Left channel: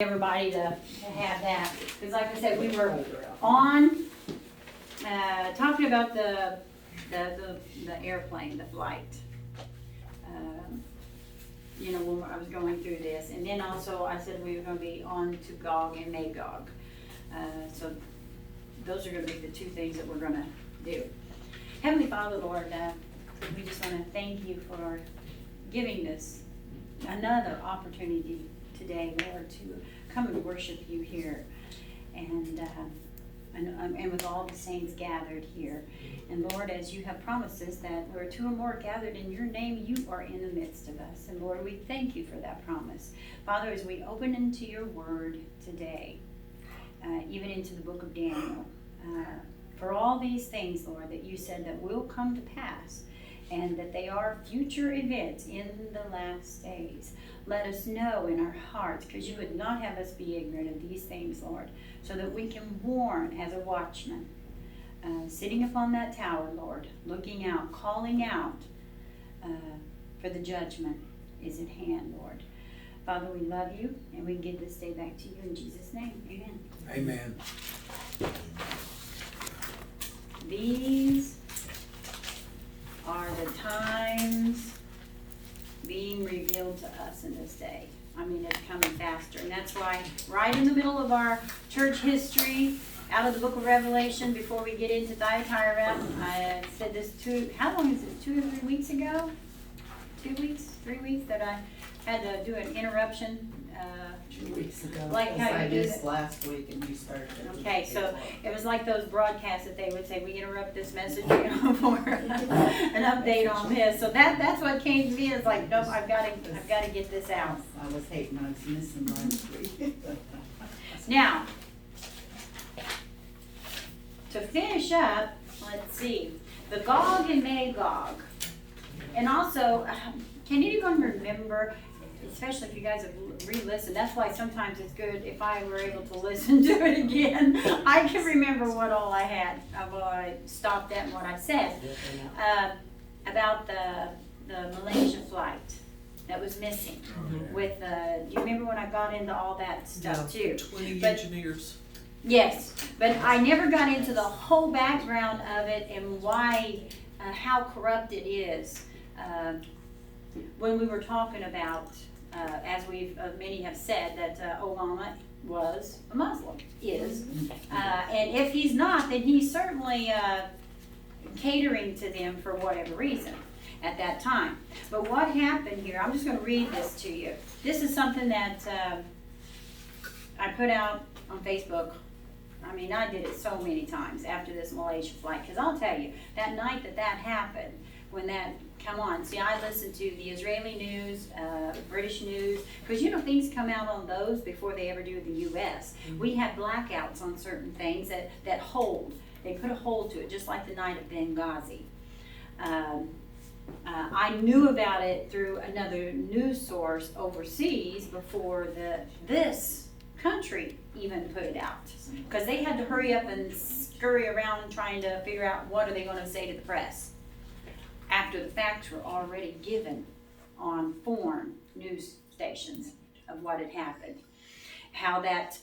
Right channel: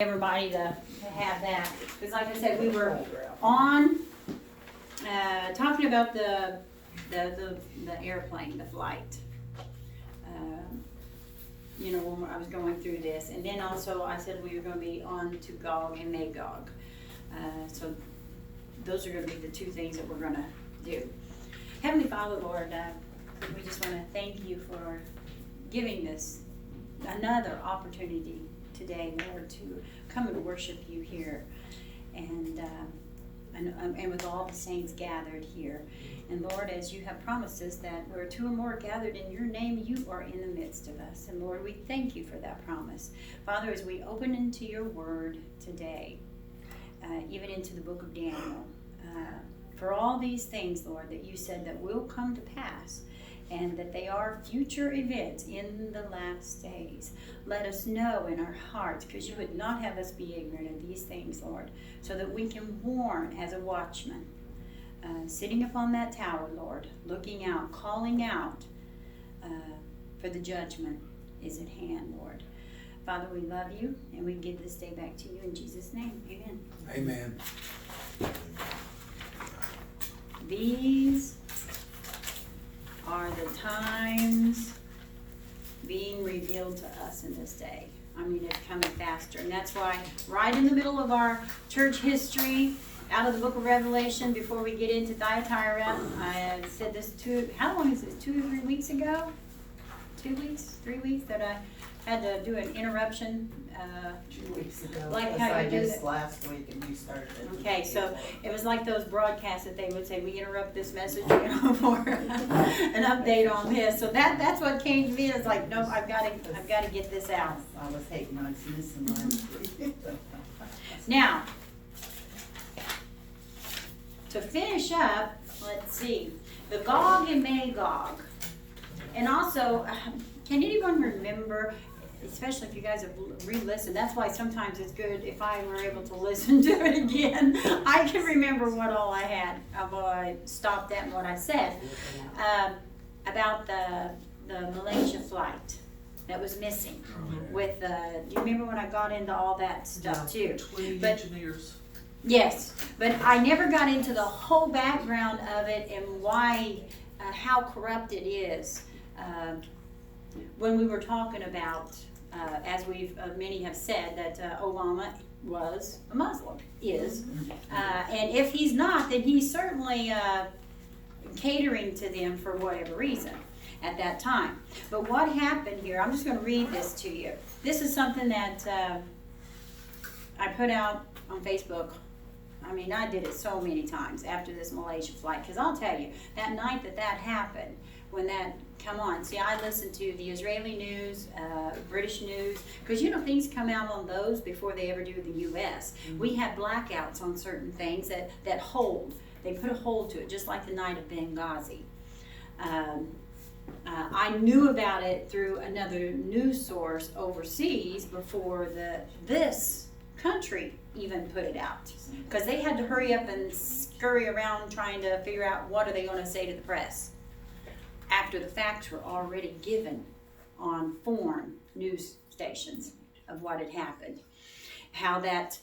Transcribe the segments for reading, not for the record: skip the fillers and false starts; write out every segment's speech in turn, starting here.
everybody to have that, because like I said, we were on, talking about the airplane, the flight. When I was going through this, and then also I said we were gonna be on to Gog and Magog. So those are gonna be the two things that we're gonna do. Heavenly Father, Lord, we just wanna thank you for giving this another opportunity today, Lord, to come and worship you here, and with all the saints gathered here. And Lord, as you have promised us that where two or more are gathered in your name, you are in the midst of us. And Lord, we thank you for that promise. Father, as we open into your word today, even into the book of Daniel, for all these things, Lord, that you said that will come to pass, and that they are future events in the last days. Let us know in our hearts, because you would not have us be ignorant of these things, Lord, so that we can warn as a watchman, sitting upon that tower, Lord, looking out, calling out, for the judgment is at hand, Lord. Father, we love you, and we give this day back to you in Jesus' name. Amen. Amen. These are the times being revealed to us in this day. I mean, it's coming faster. And that's why right in the middle of our church history, out of the book of Revelation, before we get into Thyatira, I said this how long is this, 2 or 3 weeks ago? 2 weeks, 3 weeks, that I had to do an interruption. 2 weeks ago. Like because how you I do missed that. last week and you started it. Okay, so it was like those broadcasts that they would say, we interrupt this message, for an update on this. So that's what came to me. It's like, nope, I've got to get this out. I was hating I was missing last week. Now, to finish up, let's see, the Gog and Magog. And also, can anyone remember, especially if you guys have re-listened, that's why sometimes it's good if I were able to listen to it again. I can remember what all I had, what I stopped at and what I said. About the Malaysia flight that was missing. With do you remember when I got into all that stuff too? 20 But- engineers. Yes, but I never got into the whole background of it and why, how corrupt it is. When we were talking about, as many have said, that Obama was a Muslim, is. And if he's not, then he's certainly catering to them for whatever reason at that time. But what happened here, I'm just going to read this to you. This is something that I put out on Facebook. I mean, I did it so many times after this Malaysia flight, because I'll tell you, that night that happened, when that, come on, see, I listened to the Israeli news, British news, because things come out on those before they ever do the U.S. Mm-hmm. We have blackouts on certain things that hold. They put a hold to it, just like the night of Benghazi. I knew about it through another news source overseas before this country even put it out, because they had to hurry up and scurry around trying to figure out what are they going to say to the press after the facts were already given on foreign news stations of what had happened. How that,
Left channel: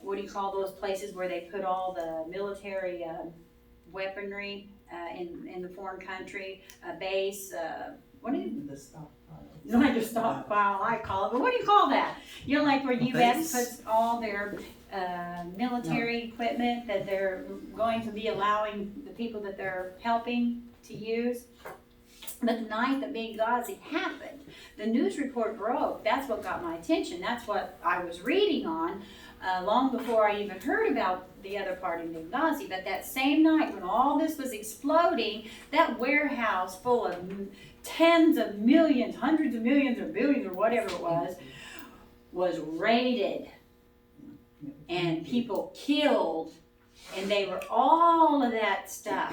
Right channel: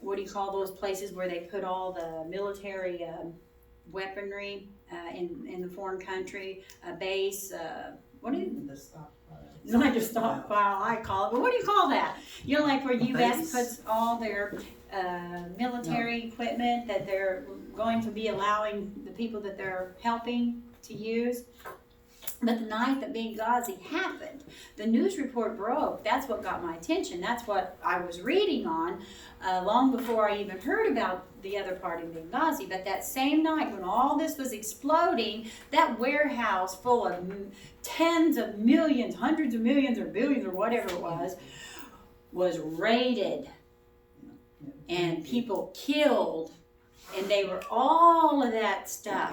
what do you call those places where they put all the military weaponry in the foreign country, a base, what do you? The stockpile. It's like a stockpile, I call it, but what do you call that? Where U.S. puts all their military equipment that they're going to be allowing the people that they're helping to use. But the night that Benghazi happened, the news report broke. That's what got my attention. That's what I was reading on long before I even heard about the other part in Benghazi. But that same night when all this was exploding, that warehouse full of tens of millions, hundreds of millions or billions or whatever it was raided. And people killed. And they were, all of that stuff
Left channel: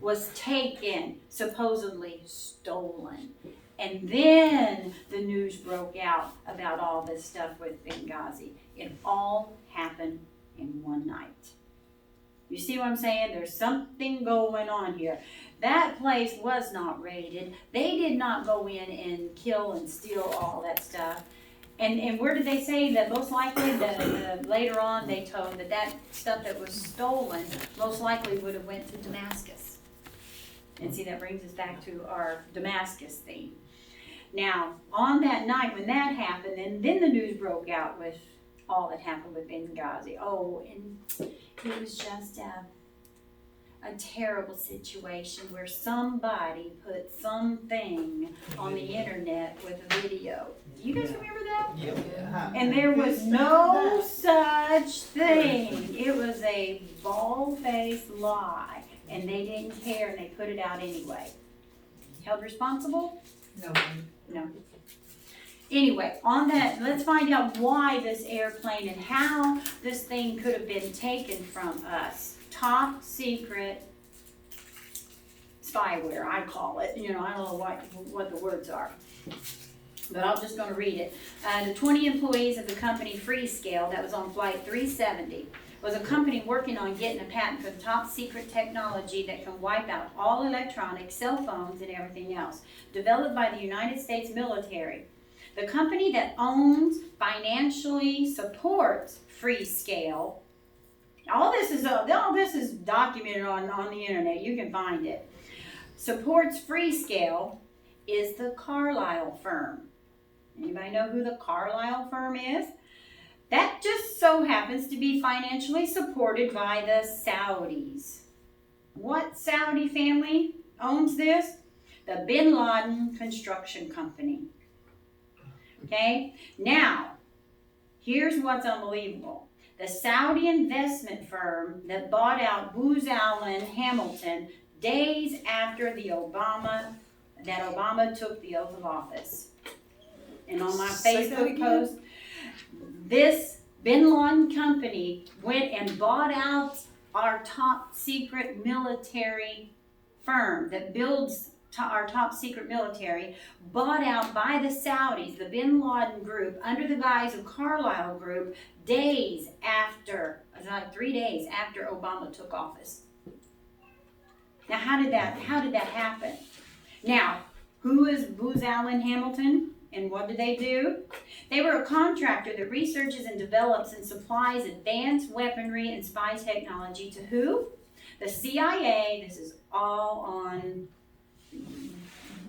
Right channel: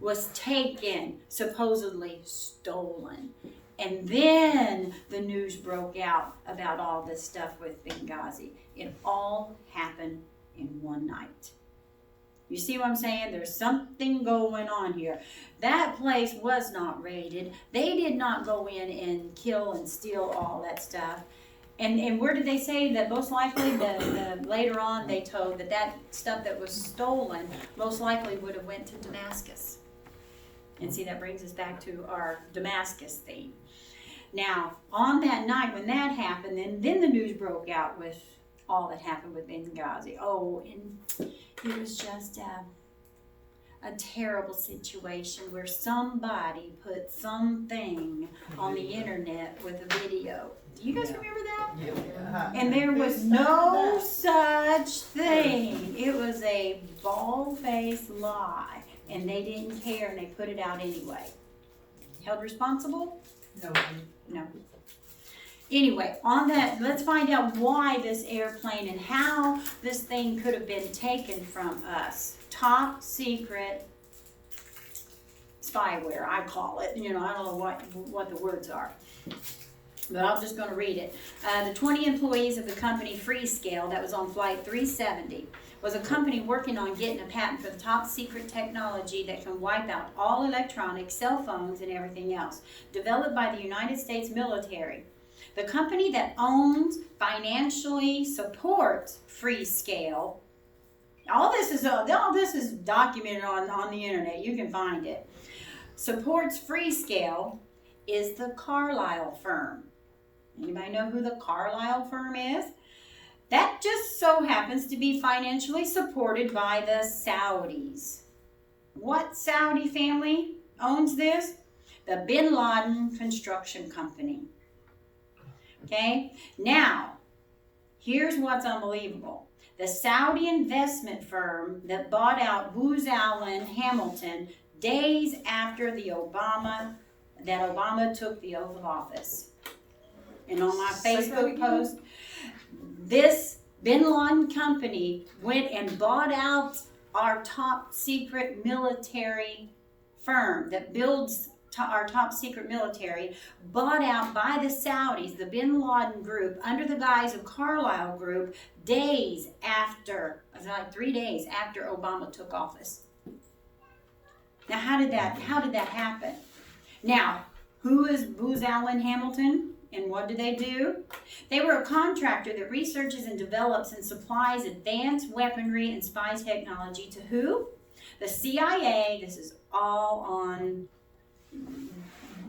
was taken, supposedly stolen. And then the news broke out about all this stuff with Benghazi. It all happened in one night. You see what I'm saying? There's something going on here. That place was not raided. They did not go in and kill and steal all that stuff. And where did they say that most likely, later on, they told that stuff that was stolen most likely would have went to Damascus. And see, that brings us back to our Damascus theme. Now, on that night when that happened, then the news broke out with all that happened with Benghazi. Oh, and it was just a terrible situation where somebody put something on the internet with a video. Do you guys remember that? Yeah. And there was no such thing. It was a bald-faced lie, and they didn't care, and they put it out anyway. Held responsible? No. No. Anyway, on that, let's find out why this airplane and how this thing could have been taken from us. Top secret spyware, I call it. You know, I don't know what the words are, but I'm just going to read it. The 20 employees of the company Freescale that was on flight 370 was a company working on getting a patent for the top secret technology that can wipe out all electronics, cell phones, and everything else, developed by the United States military. The company that owns, financially supports Freescale. All this is documented on the internet. You can find it. Supports Freescale is the Carlyle firm. Anybody know who the Carlyle firm is? That just so happens to be financially supported by the Saudis. What Saudi family owns this? The Bin Laden Construction Company. Okay? Now, here's what's unbelievable. The Saudi investment firm that bought out Booz Allen Hamilton days after Obama took the oath of office. And on my Facebook post, this Bin Laden company went and bought out our top secret military firm that builds our top secret military, bought out by the Saudis, the Bin Laden group, under the guise of Carlyle Group, days after, like 3 days after Obama took office. Now, how did that happen? Now, who is Booz Allen Hamilton, and what do? They were a contractor that researches and develops and supplies advanced weaponry and spy technology to who? The CIA. This is all on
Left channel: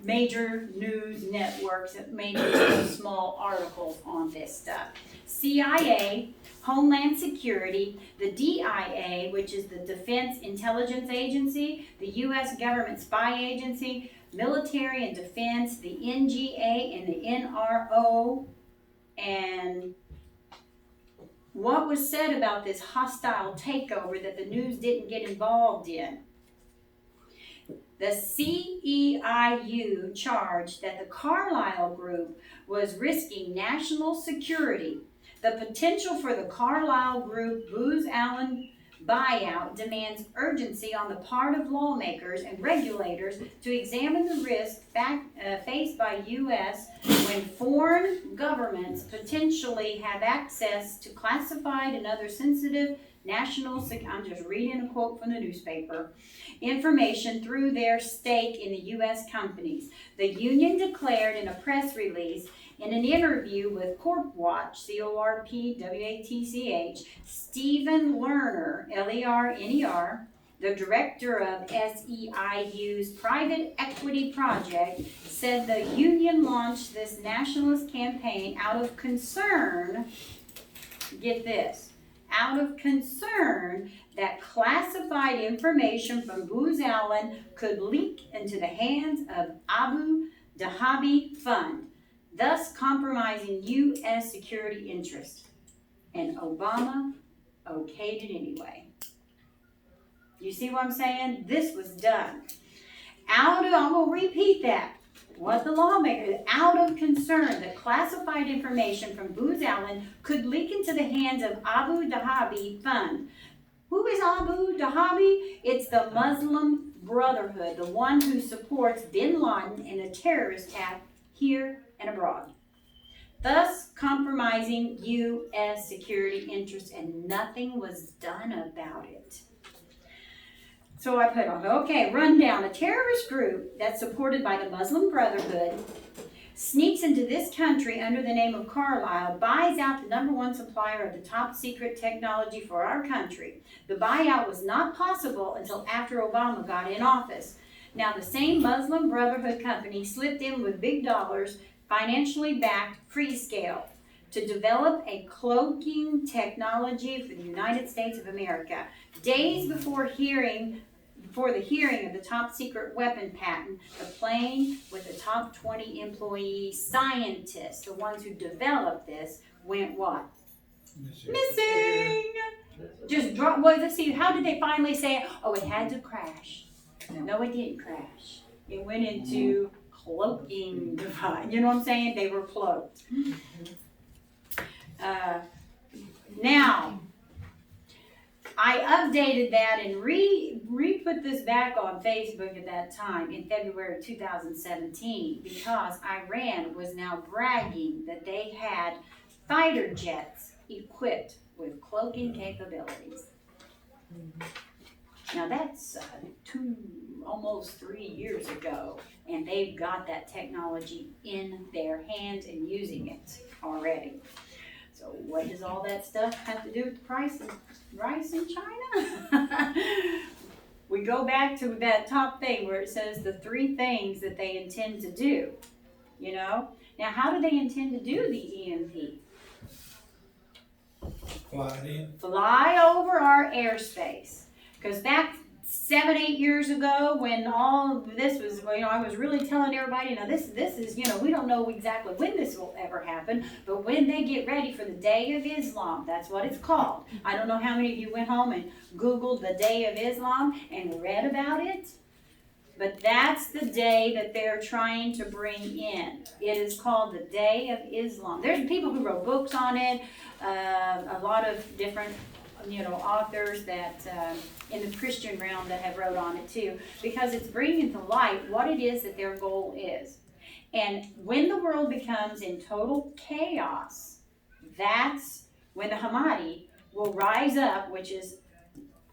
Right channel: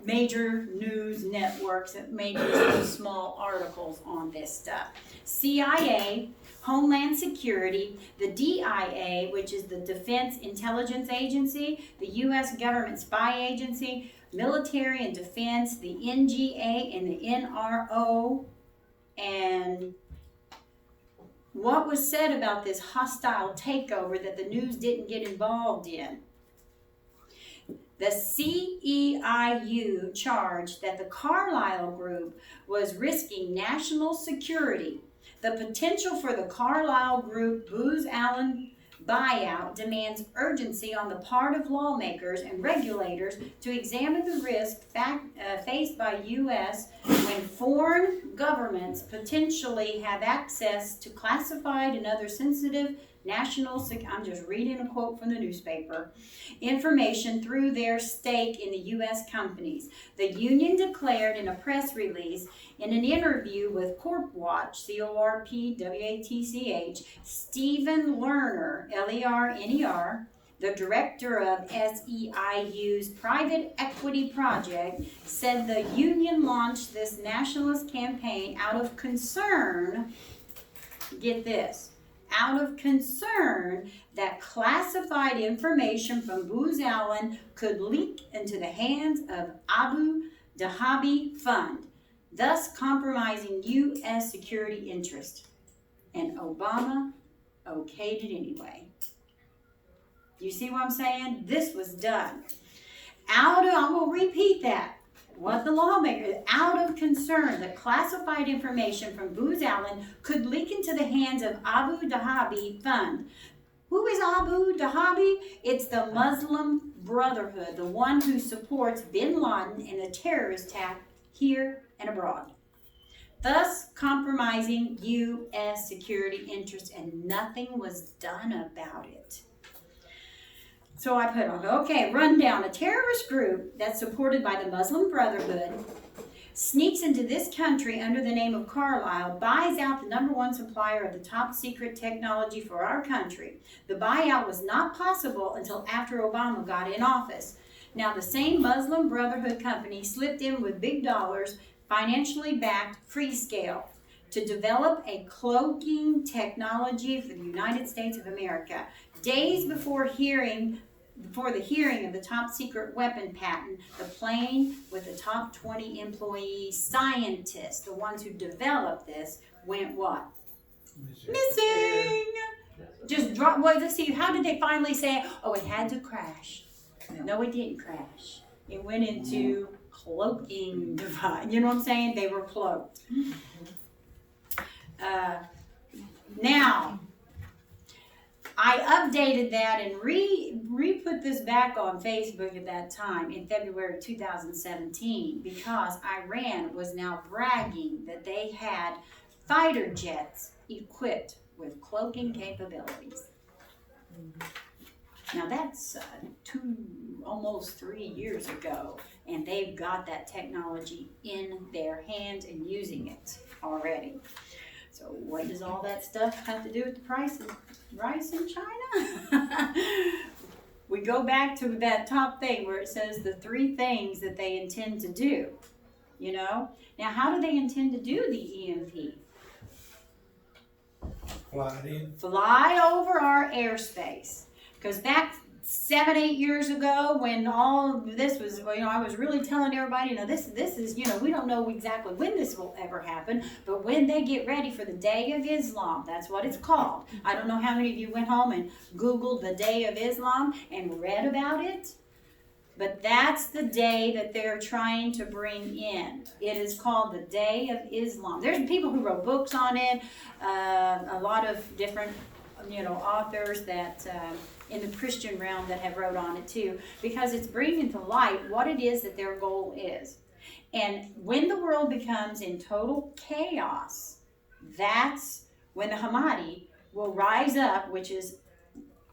major news networks that made small articles on this stuff. CIA, Homeland Security, the DIA, which is the Defense Intelligence Agency, the U.S. Government Spy Agency, Military and Defense, the NGA and the NRO, and what was said about this hostile takeover that the news didn't get involved in. The CEIU charged that the Carlyle Group was risking national security. The potential for the Carlyle Group Booz Allen buyout demands urgency on the part of lawmakers and regulators to examine the risk faced by U.S. when foreign governments potentially have access to classified and other sensitive I'm just reading a quote from the newspaper, information through their stake in the U.S. companies. The union declared in a press release in an interview with CorpWatch, CORPWATCH, Stephen Lerner, Lerner, the director of SEIU's private equity project, said the union launched this nationalist campaign out of concern, get this, out of concern that classified information from Booz Allen could leak into the hands of Abu Dhabi Fund, thus compromising U.S. security interests. And Obama okayed it anyway. You see what I'm saying? This was done. I'm going to repeat that. What the lawmakers, out of concern that classified information from Booz Allen could leak into the hands of Abu Dhabi Fund. Who is Abu Dhabi? It's the Muslim Brotherhood, the one who supports Bin Laden and the terrorist attack here and abroad, thus compromising U.S. security interests, and nothing was done about it. So I put on, rundown. A terrorist group that's supported by the Muslim Brotherhood sneaks into this country under the name of Carlyle, buys out the #1 supplier of the top secret technology for our country. The buyout was not possible until after Obama got in office. Now, the same Muslim Brotherhood company slipped in with big dollars, financially backed Freescale to develop a cloaking technology for the United States of America. Days before the hearing of the top secret weapon patent, the plane with the top 20 employee scientists, the ones who developed this, went what? Missing! Just drop. Well, let's see. How did they finally say, oh, it had to crash? No, it didn't crash. It went into cloaking device. You know what I'm saying? They were cloaked. Now, I updated that and re-put this back on Facebook at that time in February 2017 because Iran was now bragging that they had fighter jets equipped with cloaking capabilities. Now that's almost 3 years ago, and they've got that technology in their hands and using it already. So what does all that stuff have to do with the price of rice in China? We go back to that top thing where it says the 3 things that they intend to do, you know? Now, how do they intend to do the EMP? Fly over our airspace. Because back 7-8 years ago when all of this was, I was really telling everybody, this is, we don't know exactly when this will ever happen, but when they get ready for the Day of Islam, that's what it's called. I don't know how many of you went home and Googled the Day of Islam and read about it, but that's the day that they're trying to bring in. It is called the Day of Islam. There's people who wrote books on it, a lot of different authors that in the Christian realm that have wrote on it too, because it's bringing to light what it is that their goal is. And when the world becomes in total chaos, that's when the Hamadi will rise up, which is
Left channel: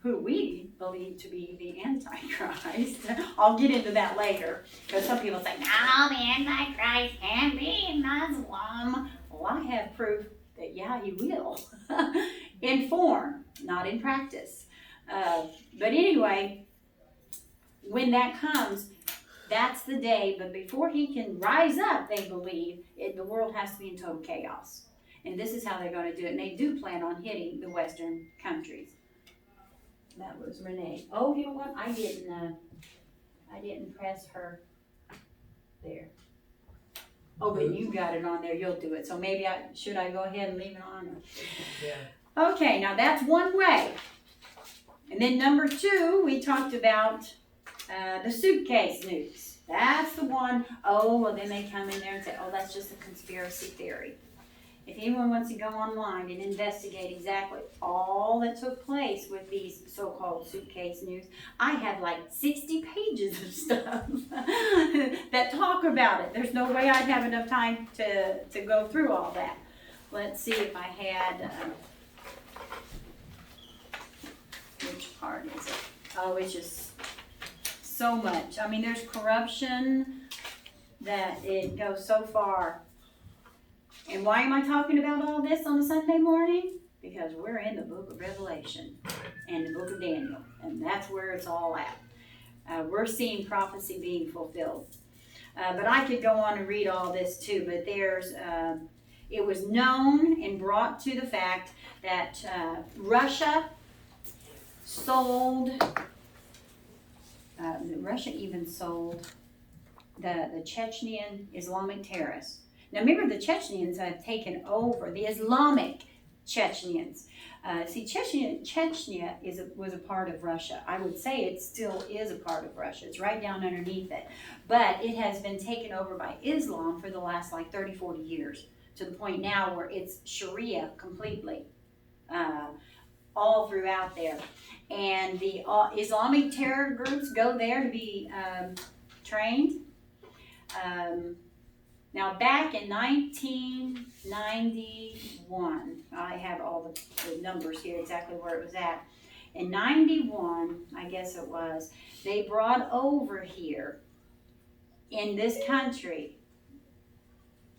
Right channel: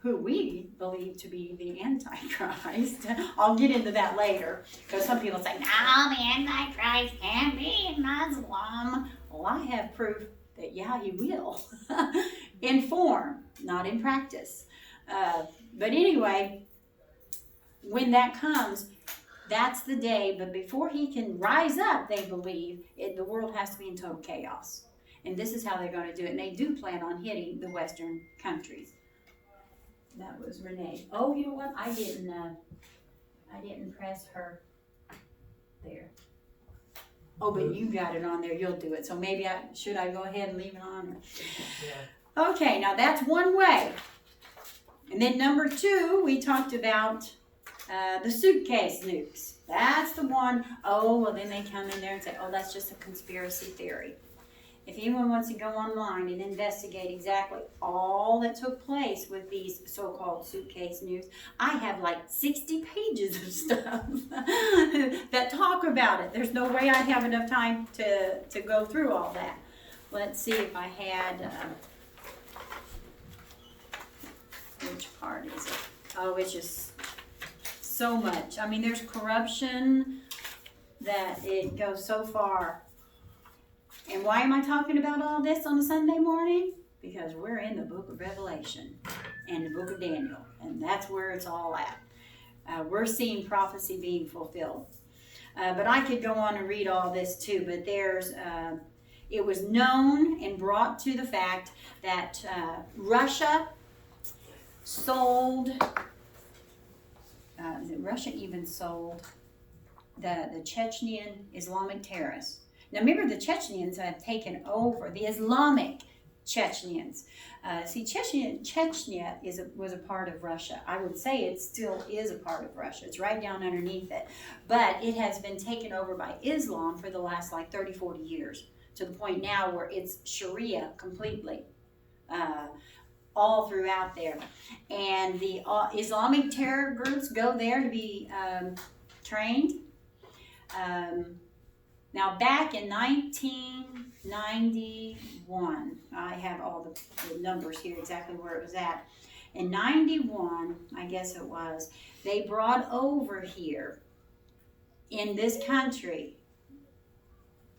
who we believe to be the Antichrist. I'll get into that later, because some people say, no, the Antichrist can't be Muslim. Well, I have proof that, yeah, he will. In form, not in practice. But anyway, when that comes, that's the day. But before he can rise up, they believe, the world has to be in total chaos. And this is how they're going to do it. And they do plan on hitting the Western countries. That was Renee. Oh, you know what? I didn't press her there. Oh, but you got it on there. You'll do it. So maybe should I go ahead and leave it on? Yeah. Okay, now that's one way. And then number 2, we talked about the suitcase nukes. That's the one. Oh, well, then they come in there and say, oh, that's just a conspiracy theory. If anyone wants to go online and investigate exactly all that took place with these so-called suitcase nukes, I have like 60 pages of stuff that talk about it. There's no way I'd have enough time to go through all that. Let's see if I had, which part is it? Oh, it's just so much. I mean, there's corruption that it goes so far. And why am I talking about all this on a Sunday morning? Because we're in the book of Revelation and the book of Daniel, and that's where it's all at. We're seeing prophecy being fulfilled. But I could go on and read all this too, but it was known and brought to the fact that Russia even sold the Chechnyan Islamic terrorists. Now remember, the Chechens have taken over, the Islamic Chechens. Chechnya was a part of Russia. I would say it still is a part of Russia. It's right down underneath it. But it has been taken over by Islam for the last 30, 40 years, to the point now where it's Sharia completely, all throughout there. And the Islamic terror groups go there to be trained. Now, back in 1991, I have all the numbers here, exactly where it was at. In 91, I guess it was, they brought over here in this country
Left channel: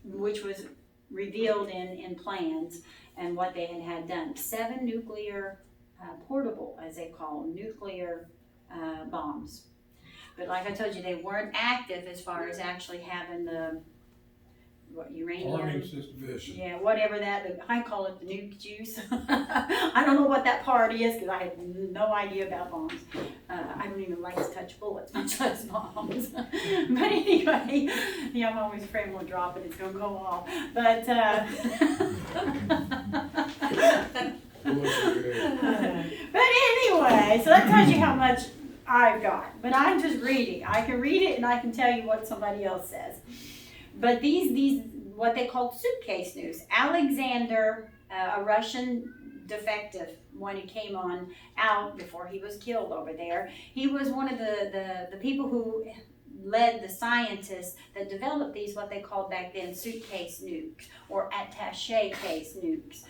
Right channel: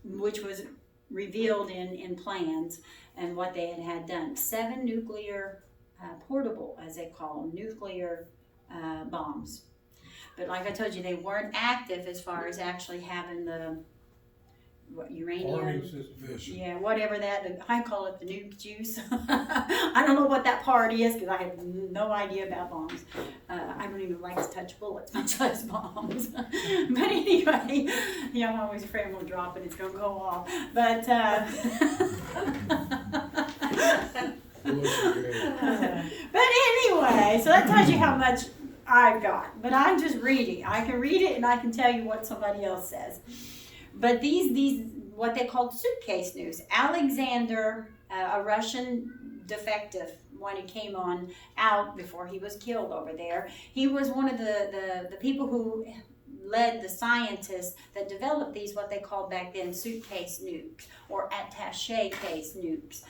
which was revealed in plans and what they had done. 7 nuclear, portable, as they call them, nuclear bombs. But like I told you, they weren't active as far as actually having the uranium. Warning system. Yeah, whatever that, I call it the nuke juice. I don't know what that part is because I have no idea about bombs. I don't even like to touch bullets, much less bombs. But anyway, I'm always afraid I'm going to drop it, it's going to go off. But, but anyway, so that tells you how much I've got. But I'm just reading. I can read it and I can tell you what somebody else says. But these what they called suitcase news. Alexander, a Russian defective, when he came out before he was killed over there, he was one of the people who led the scientists that developed these, what they called back then, suitcase nukes or attaché case nukes.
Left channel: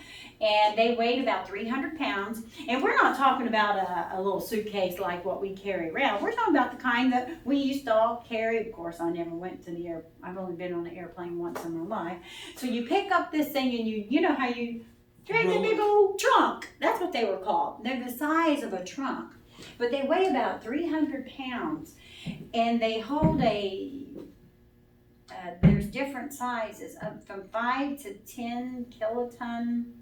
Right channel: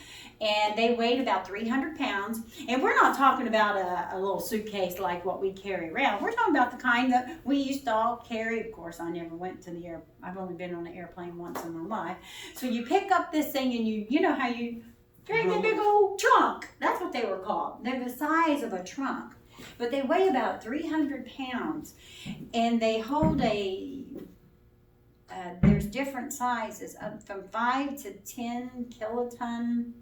And they weighed about 300 pounds. And we're not talking about a little suitcase like what we carry around. We're talking about the kind that we used to all carry. Of course, I never went to the I've only been on an airplane once in my life. So you pick up this thing and you know how you drag the big old trunk. That's what they were called. They're the size of a trunk. But they weigh about 300 pounds. And they hold there's different sizes, from 5 to 10 kiloton.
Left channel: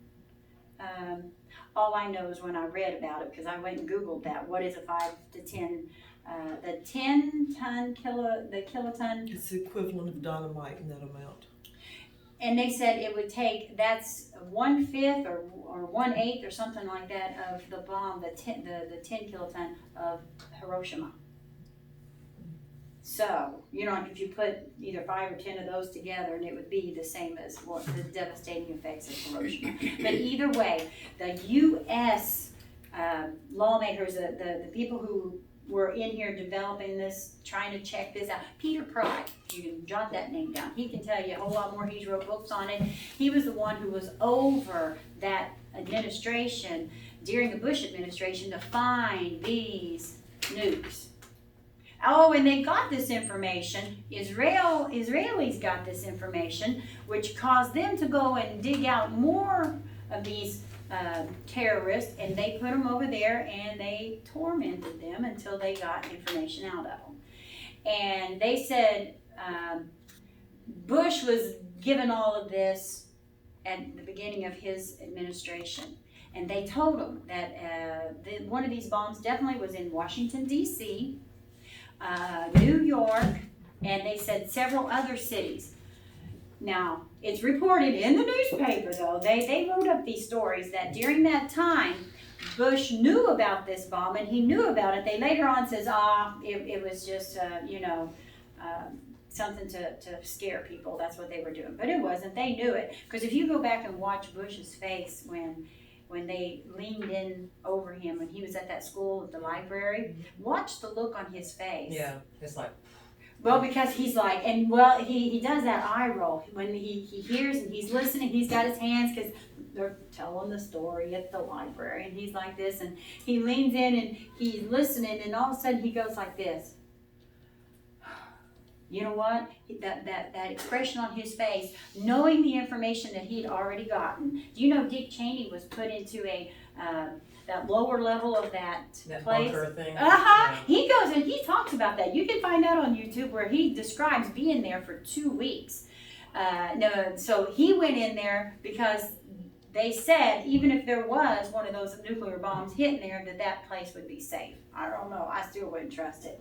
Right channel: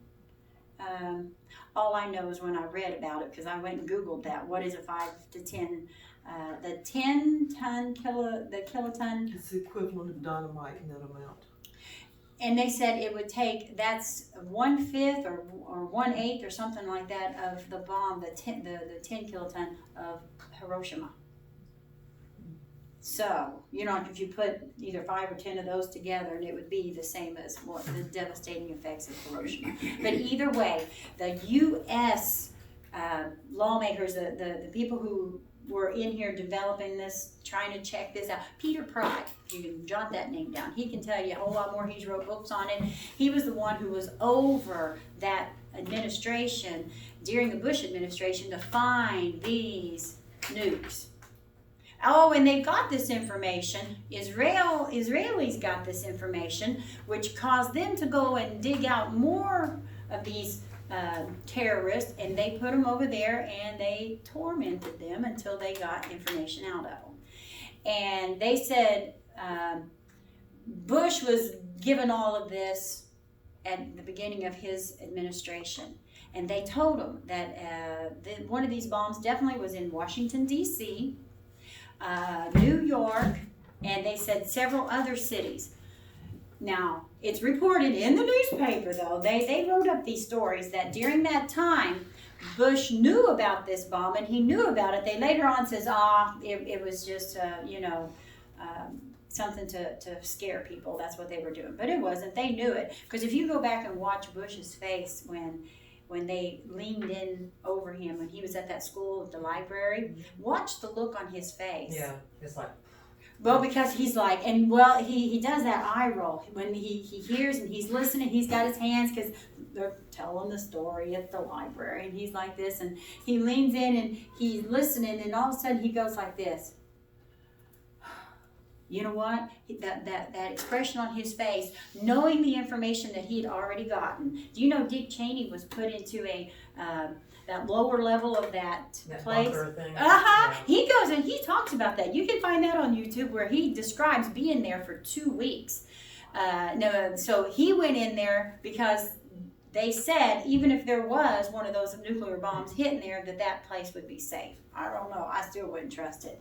All I know is when I read about it, because I went and Googled that, what is a 5 to 10? The 10-ton kiloton. It's the equivalent of dynamite in that amount. And they said it would take, that's 1/5 or 1/8 or something like that of the bomb, the 10 kiloton of Hiroshima. So, if you put either 5 or 10 of those together, and it would be the same as what the devastating effects of Hiroshima. But either way, the U.S. Lawmakers, the people who were in here developing this, trying to check this out. Peter Pry, you can jot that name down. He can tell you a whole lot more. He's wrote books on it. He was the one who was over that administration during the Bush administration to find these nukes. Oh, and they got this information. Israelis got this information, which caused them to go and dig out more of these terrorists, and they put them over there and they tormented them until they got information out of them. And they said Bush was given all of this at the beginning of his administration. And they told him that one of these bombs definitely was in Washington, D.C., New York, and they said several other cities. Now, it's reported in the newspaper, though. They wrote up these stories that during that time, Bush knew about this bomb, and he knew about it. They later on says, it was just, something to scare people. That's what they were doing. But it wasn't. They knew it. Because if you go back and watch Bush's face when they leaned in over him when he was at that school at the library, watch the look on his face. Yeah, it's like... Well, because he's like, and well, he does that eye roll when he hears and he's listening. He's got his hands because they're telling the story at the library, and he's like this, and he leans in and he's listening, and all of a sudden he goes like this. You know what? That expression on his face, knowing the information that he'd already gotten. Do you know Dick Cheney was put into that lower level of that place? Bunker thing. Yeah. He goes and he talks about that. You can find that on YouTube where he describes being there for 2 weeks. So he went in there because they said even if there was one of those nuclear bombs hitting there, that place would be safe. I don't know. I still wouldn't trust it.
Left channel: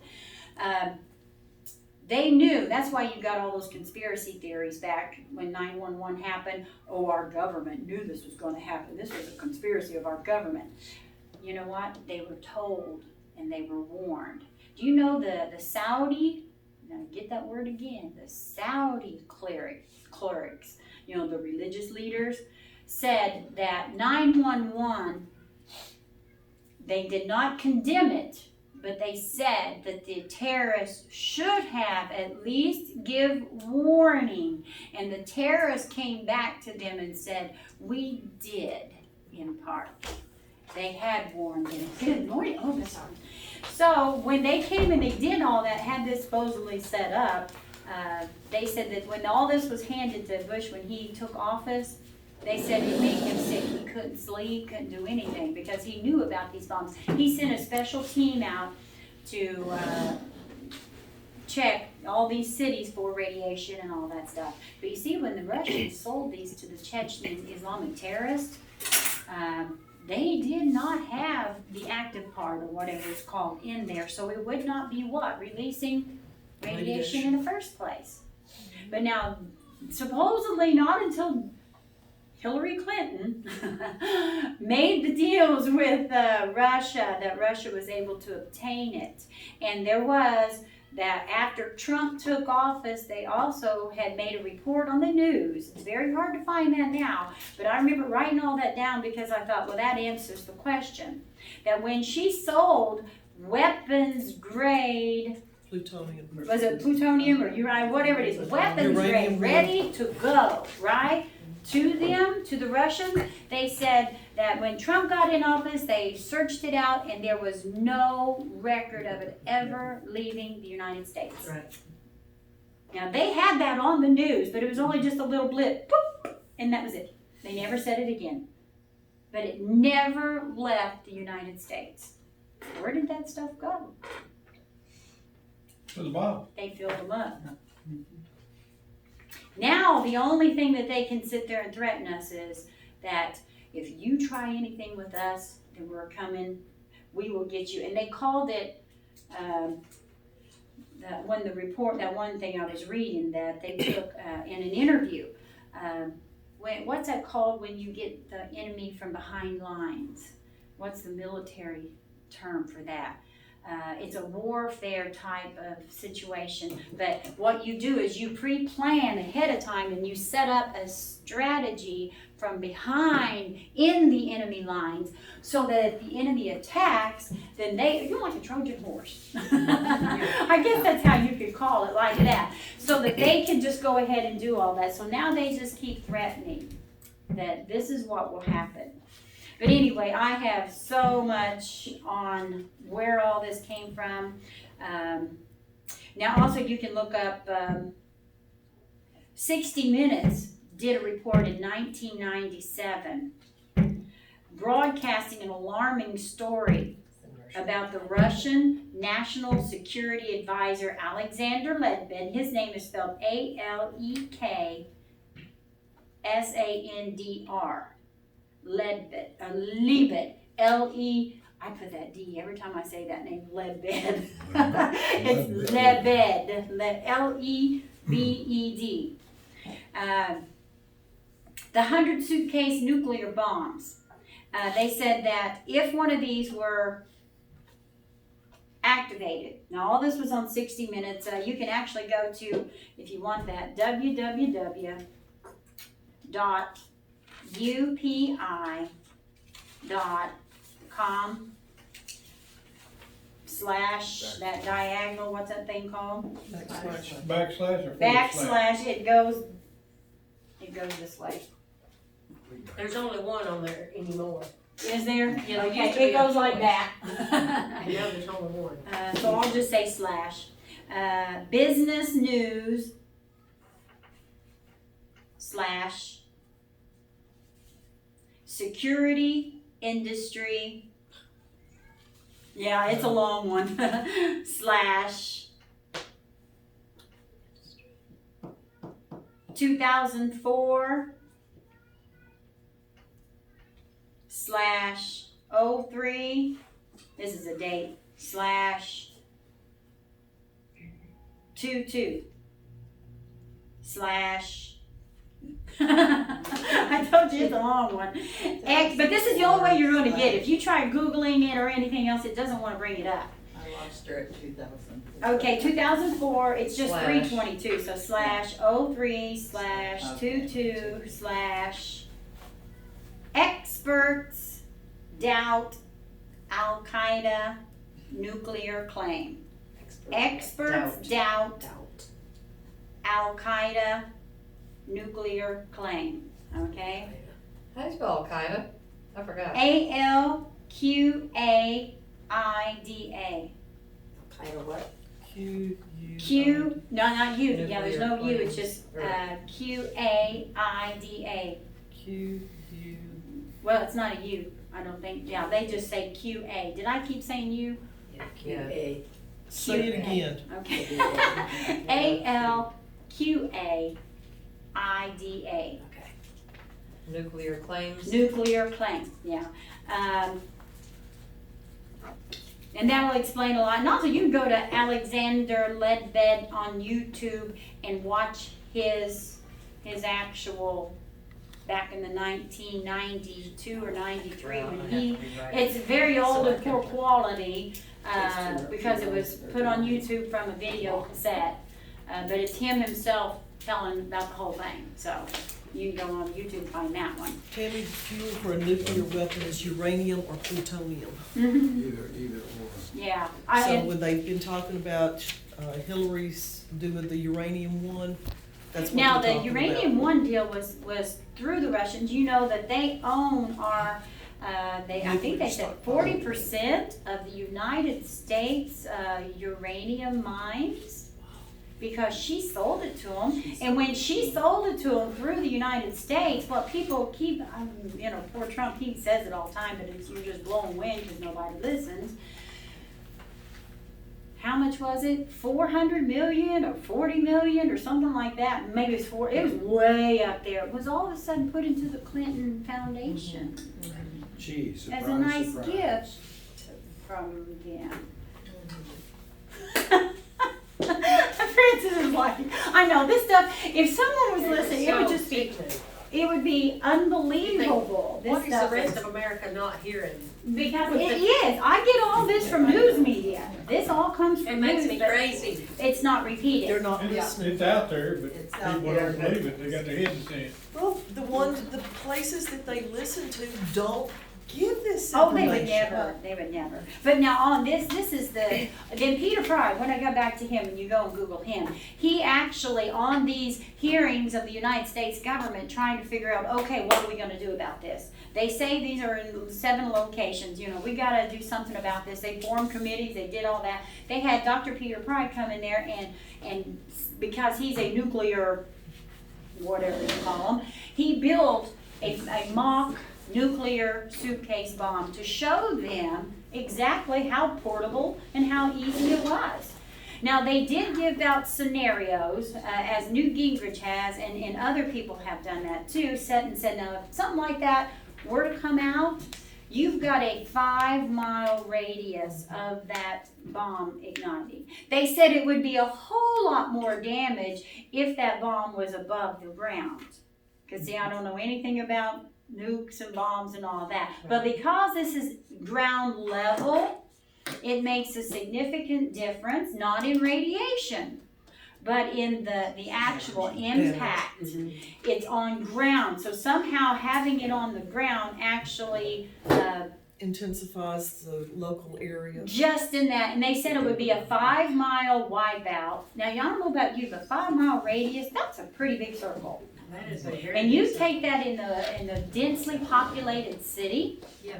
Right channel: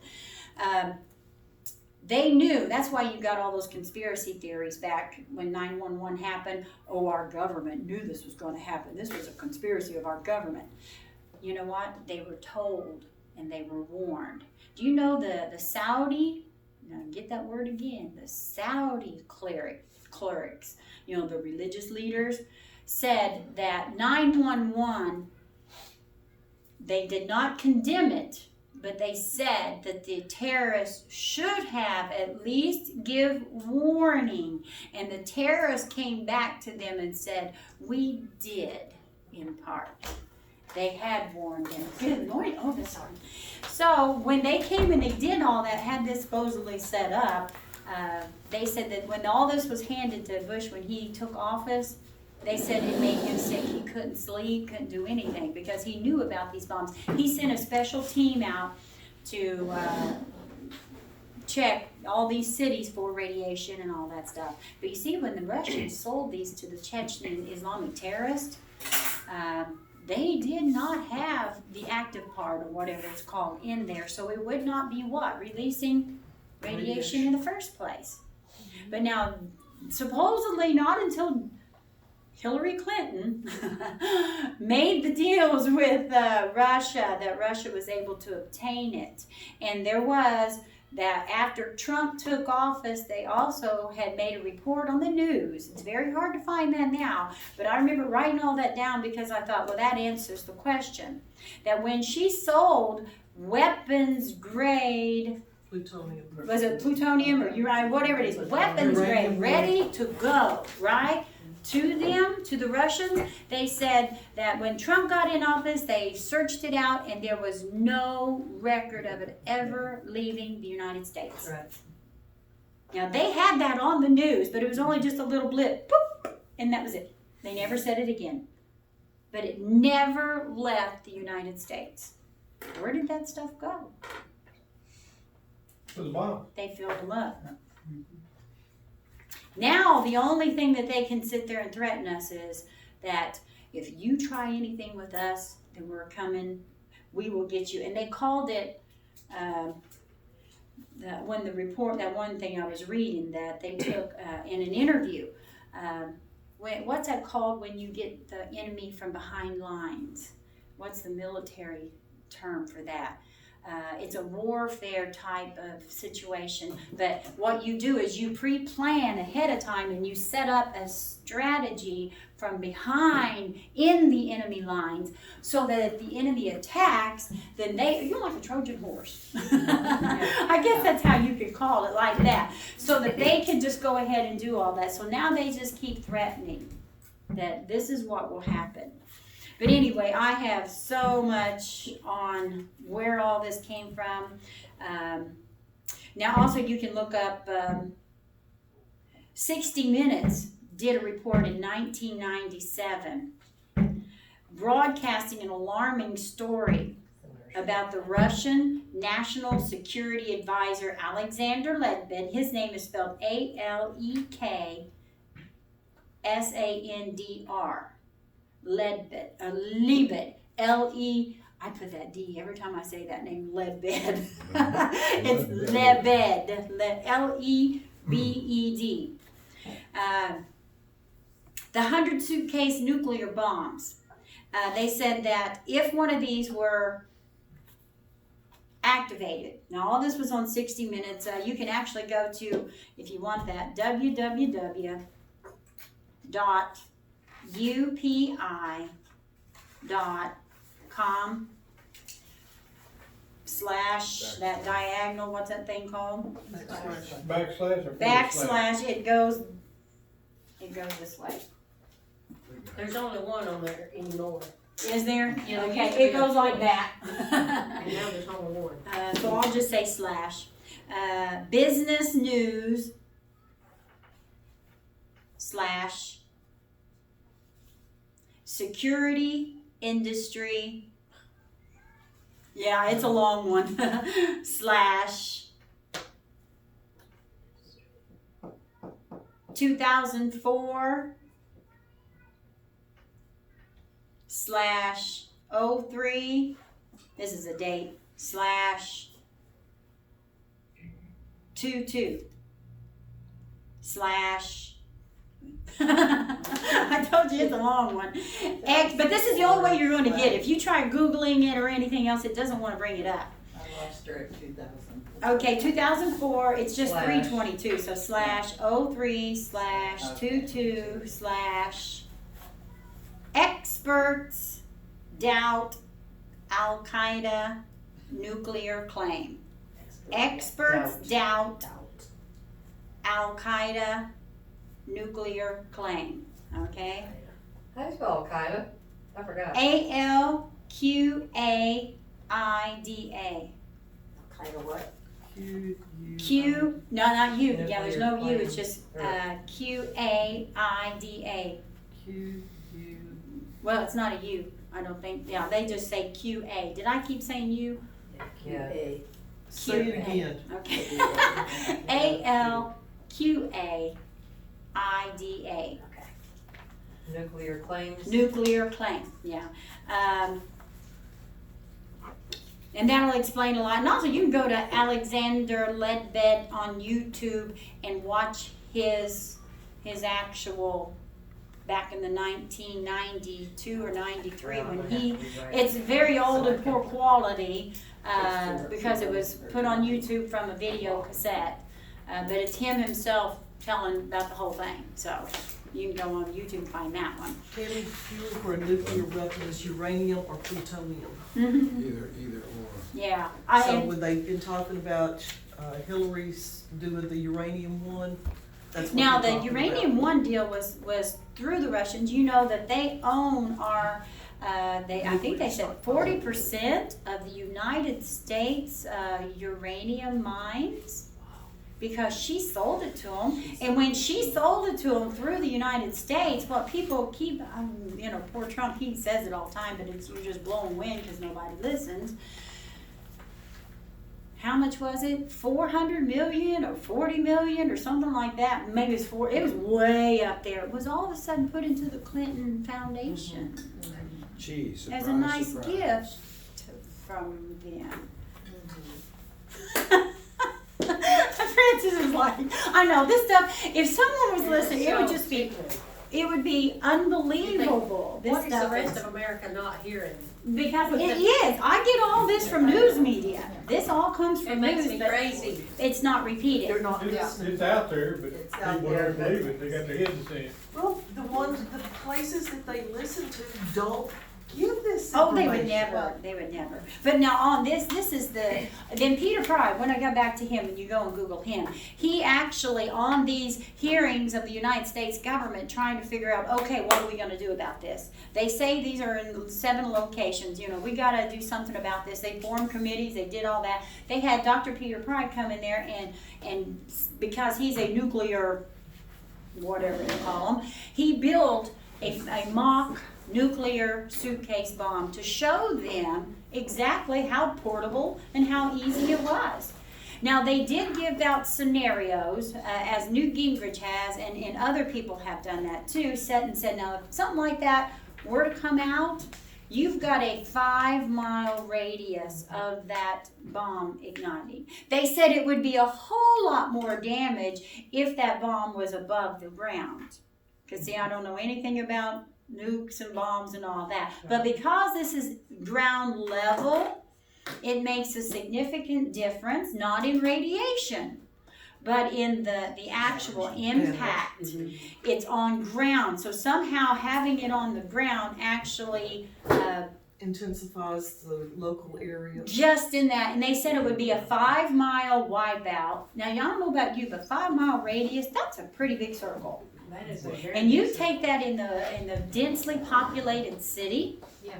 They knew. That's why you got all those conspiracy theories back when 9/11 happened. Oh, our government knew this was going to happen. This was a conspiracy of our government. You know what? They were told and they were warned. Do you know the Saudi, now get that word again, the Saudi clerics, the religious leaders, said that 9/11, they did not condemn it, but they said that the terrorists should have at least give warning. And the terrorists came back to them and said, we did, in part. They had warned them. Good morning. Oh, sorry. So when they came and they did all that, had this supposedly set up, They said that when all this was handed to Bush when he took office, they said it made him sick. He couldn't sleep, couldn't do anything because he knew about these bombs. He sent a special team out to check all these cities for radiation and all that stuff. But you see, when the Russians sold these to the Chechen Islamic terrorists, they did not have the active part or whatever it's called in there, so it would not be what? Releasing radiation in the first place. But now, supposedly not until Hillary Clinton made the deals with Russia, that Russia was able to obtain it. And there was that after Trump took office, they also had made a report on the news. It's very hard to find that now, but I remember writing all that down because I thought, well, that answers the question. That when she sold weapons grade, Plutonium. was it plutonium or uranium, whatever it is, weapons grade, Uranium. ready to go, right? To them, to the Russians, they said that when Trump got in office, they searched it out and there was no record of it ever leaving the United States. Right. Now, they had that on the news, but it was only just a little blip, boop, and that was it. They never said it again. But it never left the United States. Where did that stuff go? To the bottom. They filled them up. Now, the only thing that they can sit there and threaten us is that if you try anything with us, then we're coming, we will get you. And they called it, when the report, that one thing I was reading that they took in an interview, what's that called when you get the enemy from behind lines? What's the military term for that? It's a warfare type of situation, but what you do is you pre-plan ahead of time and you set up a strategy from behind in the enemy lines so that if the enemy attacks, then you're like a Trojan horse. I guess that's how you could call it, like that, so that they can just go ahead and do all that. So now they just keep threatening that this is what will happen. But anyway, I have so much on where all this came from. Now also you can look up 60 Minutes did a report in 1997 broadcasting an alarming story about the Russian National Security Advisor Alexander Ledbed. His name is spelled Aleksandr. Ledbed, I put that D every time I say that name, Ledbed. It's Lebed, Lebed. The 100 suitcase nuclear bombs. They said that if one of these were activated, now all this was on 60 Minutes, you can actually go to, if you want that, www.upi.com/ that diagonal, what's that thing called? Backslash or Backslash, it goes this way. There's only one on there anymore. Is there? Yeah, there Okay, used to be it goes like that. And now there's only one. So I'll just say slash. Business news / security industry. Yeah, it's a long one. / 2004 / 03. This is a date. / 22 / I told you it's a long one. X, but this is the only way you're going to get it. If you try Googling it or anything else, it doesn't want to bring it up. I lost her at 2000. Okay, 2004, it's just Slash. 322, so / 03 / 22 / experts doubt Al-Qaeda nuclear claim. Experts doubt Al-Qaeda nuclear claim, okay? How do you spell Al-Qaeda? I forgot. Alqaida. Al-Qaeda what? Q Q, no, not U, yeah, there's no U, Nuclear it's just, QAIDA. Q, U. Well, it's not a U, I don't think, yeah, they just say QA. Did I keep saying U? Yeah. QA. Say it again. Okay. ALQAIDA. Nuclear claims. Nuclear claim, yeah. And that'll explain a lot. And also, you can go to Alexander Ledbetter on YouTube and watch his actual, back in the 1992 or 93 when he, it's very old and poor quality, because it was put on YouTube from a video cassette. But it's him himself telling about the whole thing, so you can go on YouTube and find that one. Tammy, fuel for a nuclear weapon is uranium or plutonium. Either or. Yeah. So when they've been talking about Hillary's doing the uranium one, that's what Now, they're the talking uranium about. one deal was through the Russians. You know that they own our, I think they said 40% of the United States uranium mines, because she sold it to them. And when she sold it to them through the United States, what people keep, poor Trump, he says it all the time, but you're just blowing wind because nobody listens. How much was it? 400 million or 40 million or something like that. Maybe it was way up there. It was all of a sudden put into the Clinton Foundation Gee, surprise, as a nice surprise. gift from them. Francis is like, I know this stuff. If someone was listening, it would just be, it would be unbelievable. This What is the stuff rest is, of America not hearing? because it is. I get all this from news media. This all comes It from makes news, me but crazy. it's not repeated. They're not It's listening. out there, but It's out people there, don't but- believe it, they got their heads in the sand. Well, the places that they listen to don't give this Oh, information. they would never. But now on this is then Peter Pry, when I go back to him and you go and Google him, he actually on these hearings of the United States government trying to figure out, okay, what are we gonna do about this? They say these are in 7 locations, we gotta do something about this. They formed committees, they did all that. They had Dr. Peter Pry come in there and because he's a nuclear, whatever you call him, he built a mock nuclear suitcase bomb to show them exactly how portable and how easy it was. Now, they did give out scenarios, as Newt Gingrich has, and other people have done that too, said, now, if something like that were to come out, you've got a 5-mile radius of that bomb igniting. They said it would be a whole lot more damage if that bomb was above the ground. Because, see, I don't know anything about nukes and bombs and all that. But because this is ground level, it makes a significant difference, not in radiation, but in the actual impact. It's on ground. So somehow having it on the ground actually Intensifies the local area. just in that, and they said it would be a 5-mile wipeout. Now, y'all don't know about you, but 5-mile radius, that's a pretty big circle. That is a very. And you take that in the densely populated city, Yeah.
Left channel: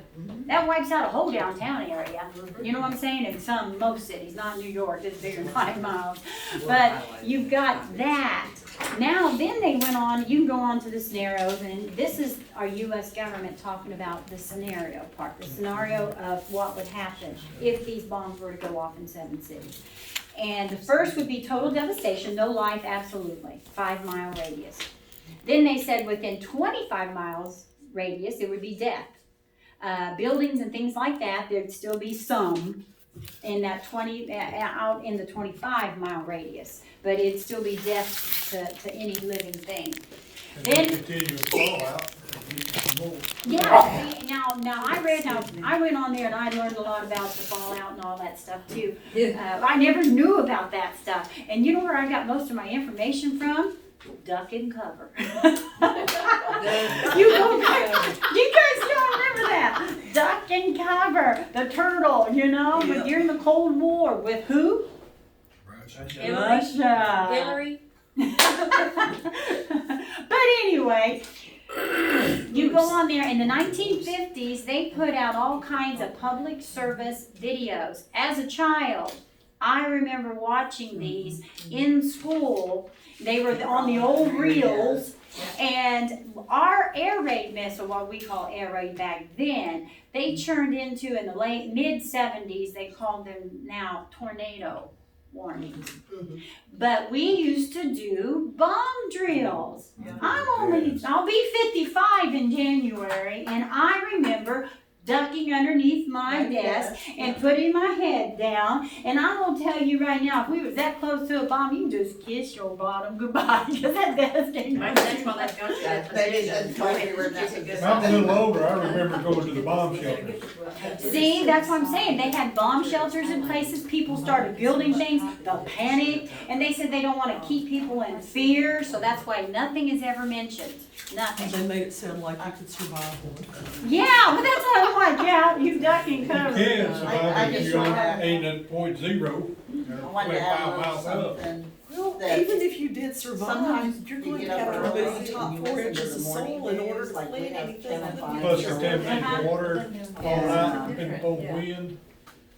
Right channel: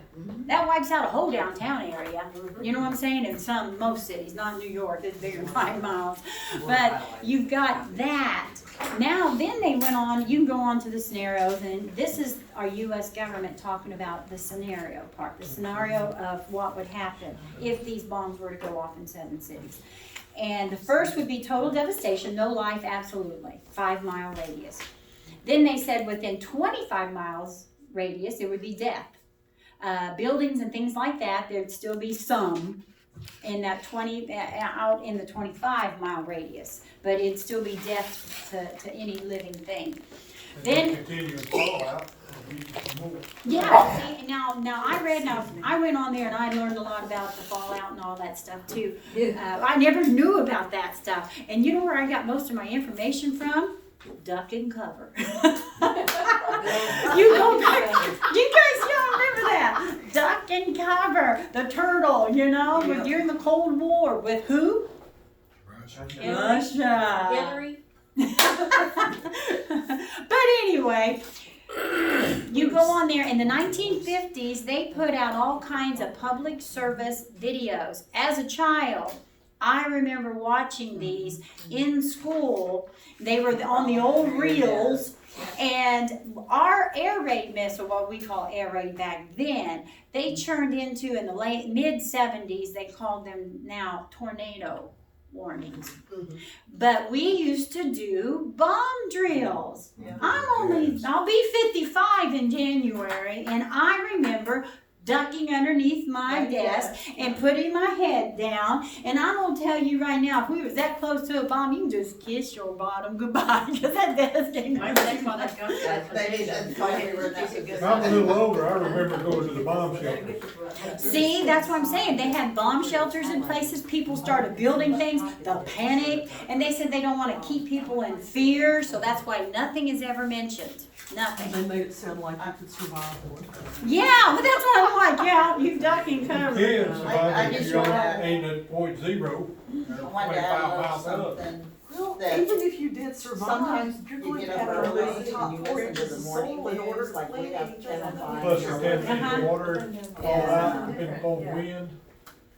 that wipes out a whole downtown area. You know what I'm saying? In most cities, not New York, it's bigger than 5 miles. But you've got that. Now, then they went on, you can go on to the scenarios, and this is our U.S. government talking about the scenario part, the scenario of what would happen if these bombs were to go off in 7 cities. And the first would be total devastation, no life, absolutely, 5-mile radius. Then they said within 25 miles radius, it would be death. Buildings and things like that, there'd still be some in that out in the 25-mile radius, but it'd still be death to any living thing. Then Continuing fallout, more. yeah, see, now I went on there and I learned a lot about the fallout and all that stuff too. I never knew about that stuff, and you know where I got most of my information from? Duck and Cover. You go back, you guys don't remember that? Duck and Cover, the turtle, when you're in the Cold War with who? Russia. Hillary? But anyway, you go on there, in the 1950s, they put out all kinds of public service videos. As a child, I remember watching these in school. They were on the old reels. And our air raid missile, what we call air raid back then, they turned into, in the mid-70s, they called them now tornado warnings. But we used to do bomb drills. I'll be 55 in January, and I remember ducking underneath my desk and putting my head down. And I'm gonna tell you right now, if we was that close to a bomb, you can just kiss your bottom goodbye, because that desk ain't Maybe that's why they've got that. Maybe that's why they were that If I'm a little older, I remember going to the bomb shelter. See, that's what I'm saying. They had bomb shelters in places. People started building things. The panic, and they said they don't want to keep people in fear. So that's why nothing is ever mentioned. Nothing. They made it sound like you could survive one. Yeah, but that's what I'm like. Yeah, you duck and You cover. can survive if just you're wanna- aimed at point zero, I or wanted to 25 add a little miles up. something. Well, That even if you did survive, sometimes you're you going to get have up to early remove the top and you 4 listen to inches the of morning soil in order news, to like we plant have anything. 10 and 5. Plus the temperature of the water, all out, depending upon Yeah. wind,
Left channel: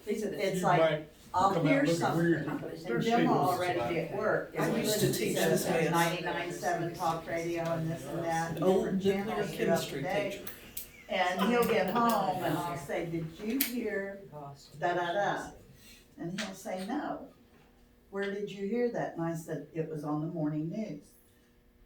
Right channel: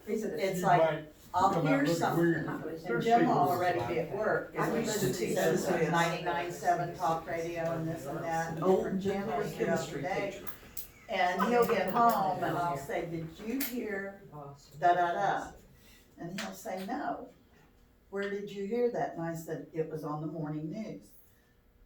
It's you like, might I'll come out hear looking something, weird. and Jim will already be at work, I and we used listen to to teach this this. 99.7 talk radio and this and that, and An old different nuclear channels throughout the chemistry day. teacher. And he'll get home and I'll say, did you hear da-da-da? And he'll say, no. Where did you hear that? And I said, it was on the morning news.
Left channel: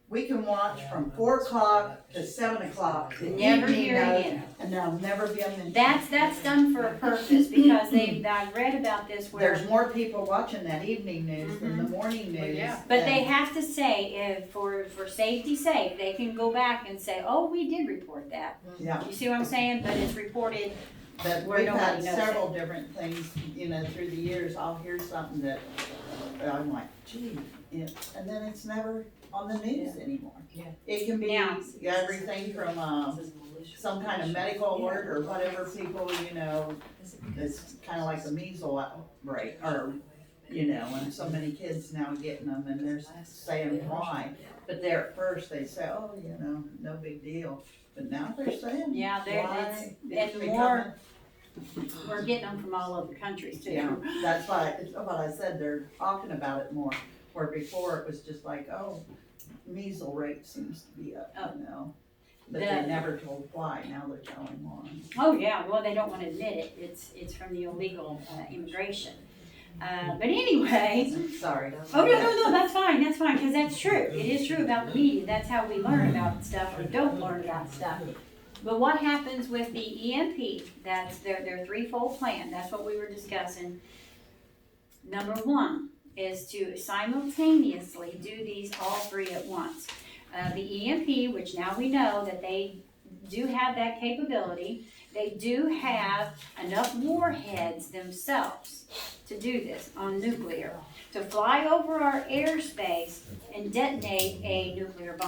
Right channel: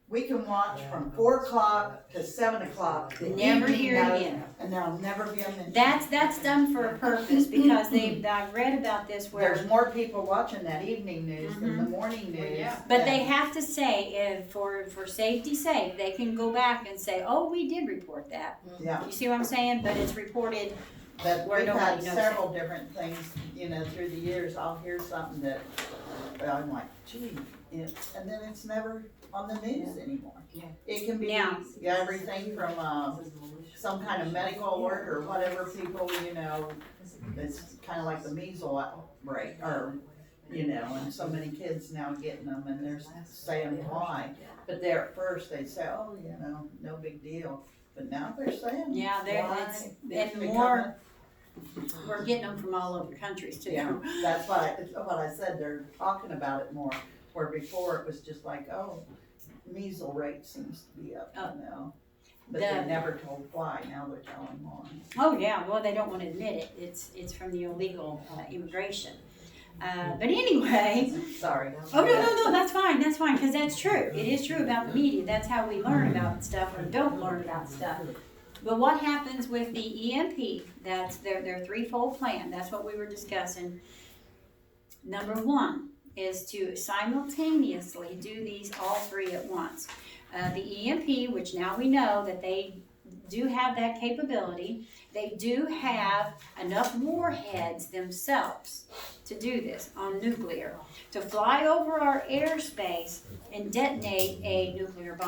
We can watch from 4 o'clock to 7 o'clock. the Never evening hear it news, again. And there'll never be a mention. That's done for a purpose, because I read about this where. There's more people watching that evening news than the morning news. yeah. But they have to say, if for safety's sake, they can go back and say, oh, we did report that. Yeah, You see what I'm saying? But it's reported. but Where we've nobody had knows several different things, through the years. I'll hear something that I'm like, gee, and then it's never on the news anymore. Yeah. It can be Now- everything from, some kind of medical alert or whatever people, it's kinda like the measles outbreak, or, and so many kids now getting them, and they're saying why. But there at first, they say, oh, no big deal, but now they're saying Yeah, why. it's, it's and more, we're getting them from all over countries too. Yeah, that's why, it's what I said, they're talking about it more, where before it was just like, oh, measles rate seems to be up, But they The- never told why, now they're telling why. Oh, yeah, well, they don't wanna admit it. It's from the illegal immigration. But anyway, Sorry. oh, no, that's fine, cause that's true. It is true about the media. That's how we learn about stuff or don't learn about stuff. But what happens with the EMP, that's their threefold plan, that's what we were discussing. Number 1 is to simultaneously do these all 3 at once. The EMP, which now we know that they do have that capability, they do have enough warheads themselves to do this on nuclear, to fly over our airspace and detonate a nuclear bomb.